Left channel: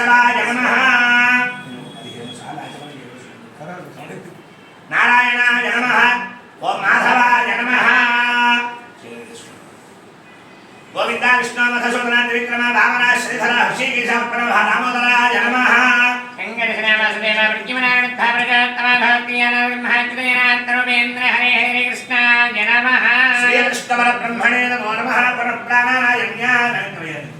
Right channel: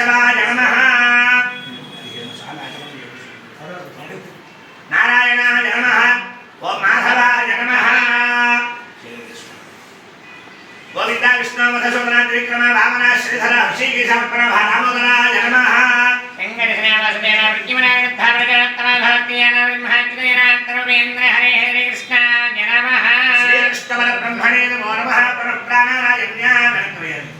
केशवाय नमः। नारायणाय नमः। ओम माधवाय नमः। गोविंदा विष्णु मधुसूदना त्रिक्रमा भावना श्रीधर हृषिकेश प्रभ दामोदराय नमः। श्रीकृष्णपरब्रह्मणे नमो नमः। परप्राणाय ज्ञानन्द्रियते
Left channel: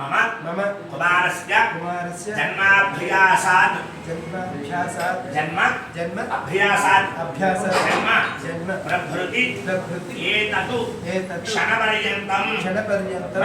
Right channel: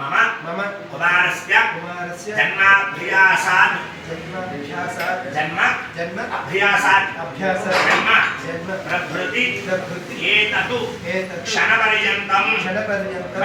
సభ్రాతగానాం క్షమస్థైర్య ధైర్య వీర్య విజయ అభయ ఆయురారోగ్య సకలైశ్వర్యాభివృద్ధ్యర్థం ఒక్కడ సంకల్పం చెప్పండి మమ మమ కుమారస్య కుమారస్య జన్మాభ్యాసాత్ జన్మాభ్యాసాత్ జన్మ జన్మ అభ్యాసాత్ అభ్యాస జన్మ జన్మ ప్రభృతి ప్రభృతి ఏతతు ఏతత్ క్షణపర్యంతం క్షణపర్యంతం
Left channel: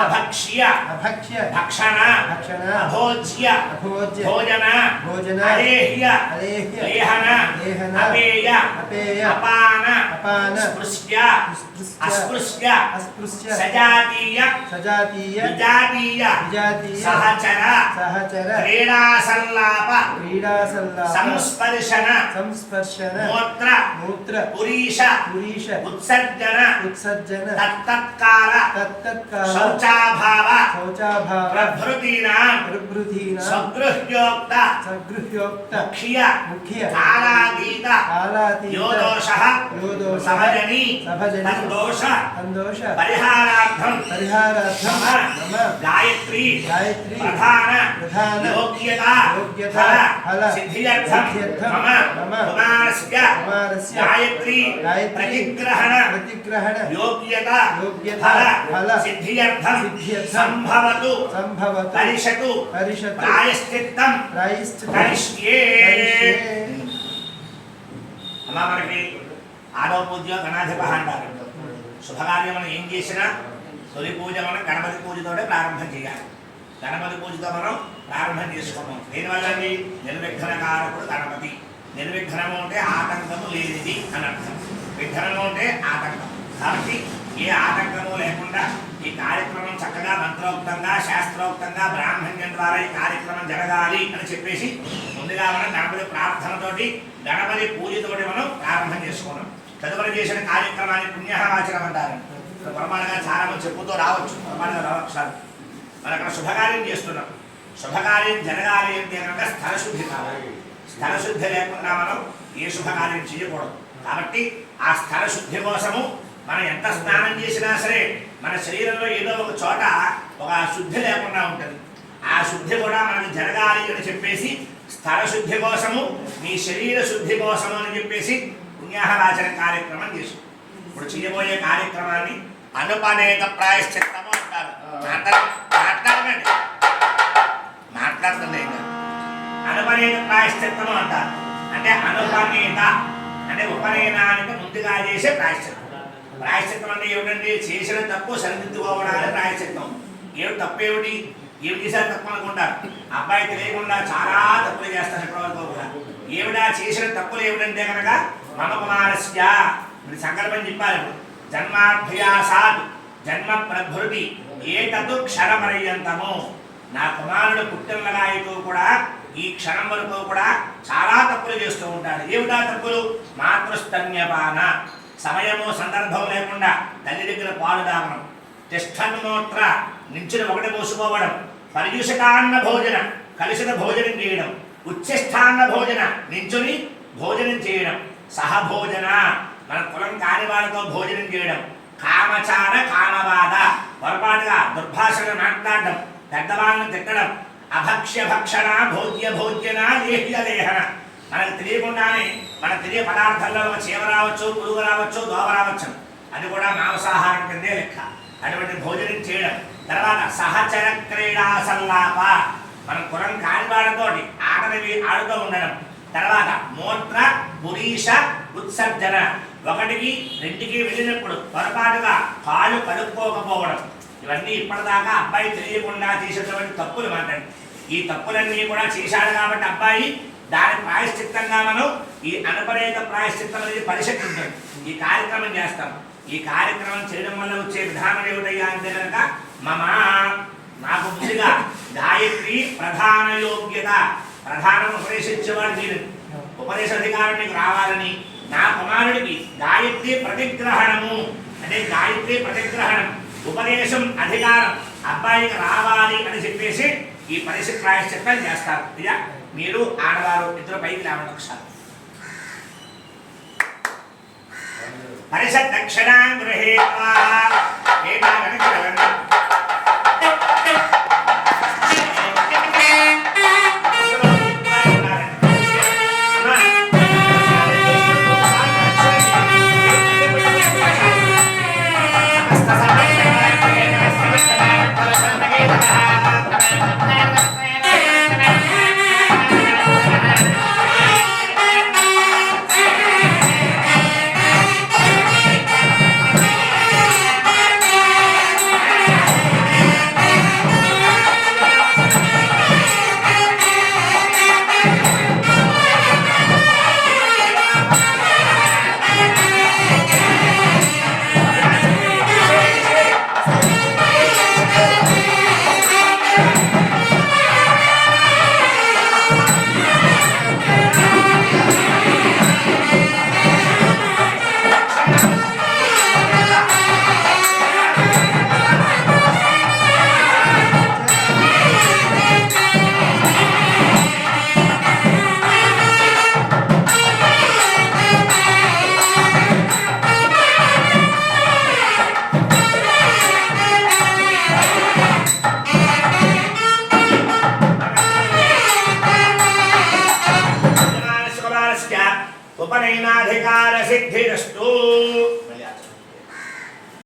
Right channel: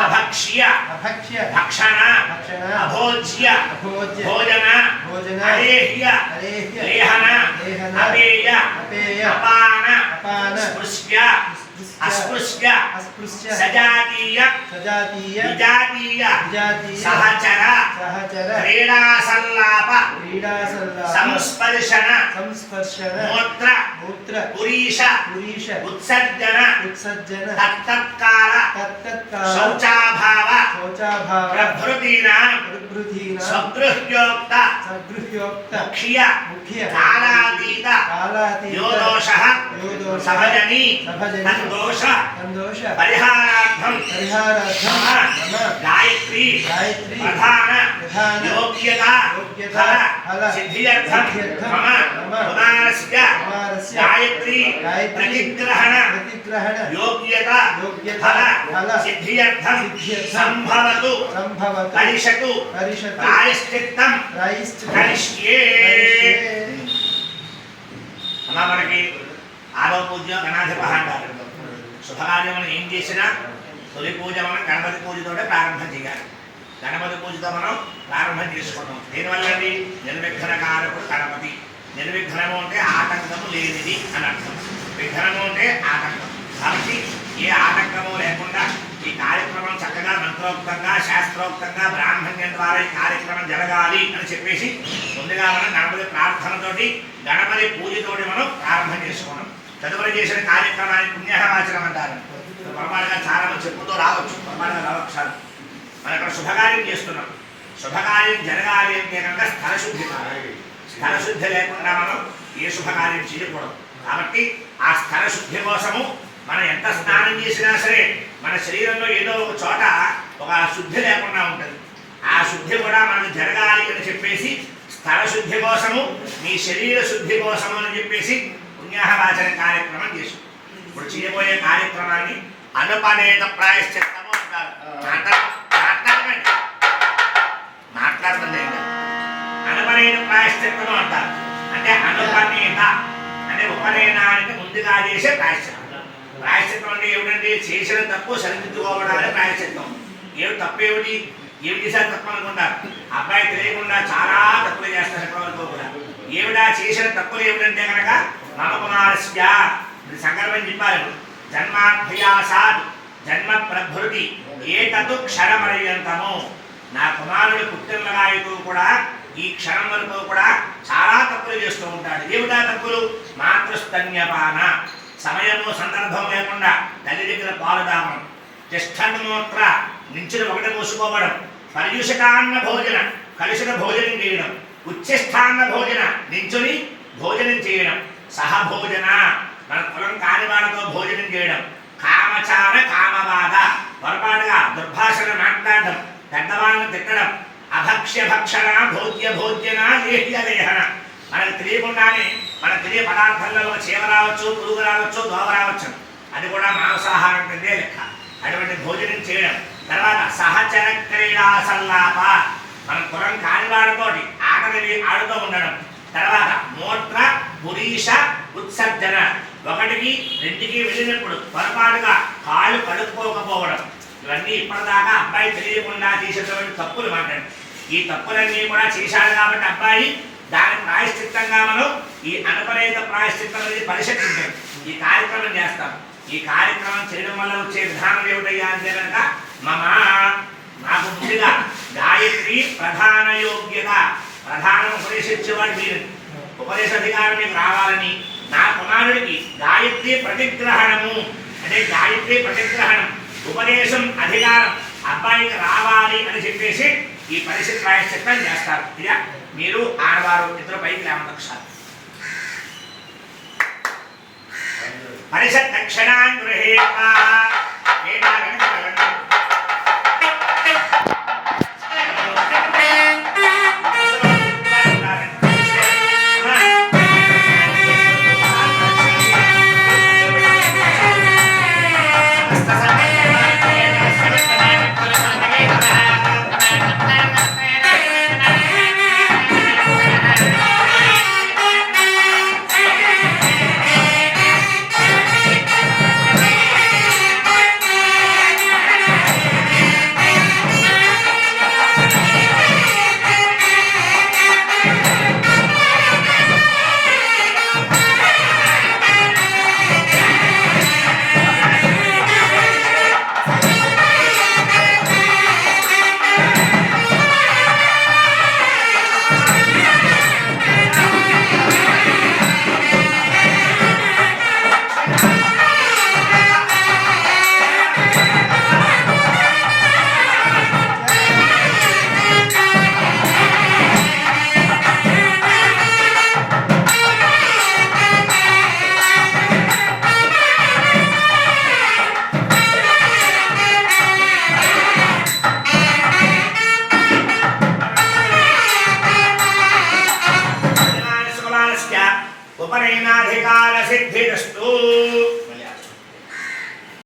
అన్నభోజన అన్నభోజన ఉచ్ఛిష్ట ఉచ్ఛిష్ట అన్నభోజన అన్నభోజన సహభోజన సహభోజన కామచార కామచార కామవాద కామవాద అభక్ష్య అభక్ష్య భక్షణ భక్షణ అభోజ్య అభోజ్య భోజన భోజన అలేహ్య అలేహ్య లేహన లేహన అపేయ అపేయ అపాన అపాన స్పృశ్య స్పృశ్య అస్పృశ్య అస్పృశ్య సజాతీయ సజాతీయ విజాతీయ విజాతీయ సహచర సహచర క్రీడాసల్లాప క్రీడాసల్లాప శౌచాభావ. శౌచాభావ. ప్రభృతీనాం. ప్రబృధీన స్వగృహ్యోక్త. సగృహ్యోక్త ముఖ్య. ముఖ్య. కాలాతీత కాలాతీత యోదోష యోదోష సహజని సహజని తద్దోష సందోష పరిహారార్థం పరిహారార్థం మమ మమ గాయత్రి గాయత్రి ప్రధాన ప్రధాన యోగ్యత యోగ్యత ఫల ఫల సిద్ధ్యర్థం సిద్ధ్యర్థం మమ మమ కుమారస్య కుమారస్య గాయత్రి గాయత్రి ప్రతిగ్రహణ ప్రతిగ్రహణ యోగ్యత యోగ్యత ఫల ఫల సిద్ధ్యర్థం సిద్ధ్యర్థం అలా మనకి ఆరో పూజ గణాధిప అంటారు. శుభకార్యం మనం ఏం చేసినా తొలి పూజ మనం గణపతి పూజతోనే ప్రారంభం చేయాలి. గణపతి పూజతో మనం ప్రారంభం చేసుకున్నాం దీనివల్ల అండి నిర్విఘ్న కారకుడు గణపతి. నిర్విఘ్నము అంటే ఆటంకము లేనిది అని అర్థం. విఘ్నము అంటే ఆటంకం. కాబట్టి ఏ ఆటంకము లేకుండా ఈ కార్యక్రమం చక్కగా మంత్రోక్తంగా శాస్త్రోక్తంగా బ్రాహ్మణ్యం ద్వారా ఈ కార్యక్రమం జరగాలి అని చెప్పేసి ముందుగా మనం గణపతి ప్రార్థనతోటి గణపతి పూజతోటి మనం ప్రారంభం చేసుకున్నాం తదుపరి చేసిన కార్యక్రమాన్ని పుణ్యవాచనం అంటారు. పొరపాటుగా చాలా మంది చెప్పుతూ రావచ్చు. పొరపాటుగా రావచ్చు సార్ మనం అక్కడ శుభకార్యం చేస్తున్నాం. శుభకార్యం జరగాలి అంటే కనుక స్థలశుద్ధి కావాలి. స్థలశుద్ధి లేకుండా మనం ఏ శుభకార్యం చేయకూడదు. కాబట్టి ఆ స్థలశుద్ధి కోసము మనం ఎంత స్నానం చేసినా సరే మన శరీరంలో ఏదో ఒక చోట ఒక శుద్ధి లేకుండా ఉంటుంది. ఆ శుద్ధి కూడా మనకు జరగాలి అని చెప్పేసి స్థల శుద్ధి కోసము మీ శరీర శుద్ధి కోసము అని చెప్పేసి పుణ్యాహవాచన కార్యక్రమం చేసు ఇప్పుడు చేయబోయే కార్యక్రమాన్ని అనుపనేత ప్రాయశ్చిత్తము అంటారు. మాట్లాడ- మాట్లాడకండి. మాట్లాడుతుంది అనుపనేత ప్రాయశ్చిత్తము అంటారు. అంటే అనుపనేత అంటే ఉపనయనానికి ముందుగా చేసే ప్రాయశ్చిత్తం ప్రాయశ్చిత్తం అంటే ఏమిటంటే చేసిన తప్పు సరిదిద్దుకోవడానికి ప్రాయశ్చిత్తం ఏం తప్పు ఏమిటి ఏమి చేశారు తప్పు అనుకుంటారు అబ్బాయి తెలియకుండా చాలా తప్పులు చేస్తారు ఇప్పటివరకు కూడా. ఏమిటా? చేసిన తప్పులు ఏమిటంటే కనుక మమ కుమారస్య ఇది సంకల్పం చెప్పారు జన్మాభ్యాసాత్ జన్మ ప్రభృతి ఏతదు క్షరపర్యంతము నా కుమారుడు పుట్టినగాయతో కూడా ఈ క్షణం వరకు కూడా చాలా తప్పులు చేస్తూ ఉంటాడు. ఏమిటా తప్పులు? మాతృస్తన్యపాన. సమయము సందర్భం లేకుండా తల్లి దగ్గర పాలు తాగడం. తిష్టన్మూత్ర నించుని ఒకటి మూసుకోవడం. పర్యుషకాన్న భోజన కలుషిత భోజనం చేయడం. ఉచ్ఛిష్టాన్న భోజన నించుని భోజనం చేయడం. సహభోజన మన కులం కాని వాళ్ళతో భోజనం చేయడం. కామచార కామవాద పొరపాటుగా దుర్భాషణ మాట్లాడడం. పెద్దవాళ్ళని తిట్టడం. అభక్ష్య భక్షణ భోజ్య భోజ్యన లేహ్య లేహన మనకు తెలియకుండానే మన తెలియ పదార్థాల్లో చీమ రావచ్చు పురుగు రావచ్చు దోమ రావచ్చు అది కూడా మాంసాహారం కిందే లెక్క. అటువంటి భోజనం చేయడం. తర్వాత సహచర క్రీడా సల్లాప మనం కులం కానివాడితోటి ఆటని ఆడుతూ ఉండడం. తర్వాత మూత్ర పురీష ఉత్సర్జన. ఒకటికి రెండుకి వెళ్ళినప్పుడు పొరపాటుగా కాళ్ళు కడుక్కోకపోవడం. ఇవన్నీ ఇప్పటిదాకా అబ్బాయి తెలియకుండా చేసేటువంటి తప్పులు మాట్లాడి. ఈ తప్పులన్నీ కూడా చేశాడు కాబట్టి అబ్బాయి దాని ప్రాయశ్చిత్తంగా మనం ఈ అనపరేత ప్రాయశ్చిత్తం అనేది పరిశీలించాం ఈ కార్యక్రమం చేస్తాం. ఈ కార్యక్రమం చేయడం వల్ల వచ్చే విధానం ఏమిటయ్యా అంటే కనుక మమ నాకు ముందుగా గాయత్రి ప్రధాన యోగ్యత ప్రధానం ఉపదేశించేవాడు మీరు. ఉపదేశ అధికారం మీకు రావాలని. నా కుమారుడికి గాయత్రి ప్రతిగ్రహణము అంటే గాయత్రి ప్రతిగ్రహణం ఉపదేశం అధికారం అబ్బాయికి రావాలి అని చెప్పేసి ఈ పరిస్థితి ప్రాయశ్చిత్తం చేస్తారు. ఇలా మీరు ఆడవారు ఇద్దరు పైకి లేవండి ఒకసారి. పరిషత్ దక్షిణాం గృహేత. उपनेनाधिकार सिद्धिस्तु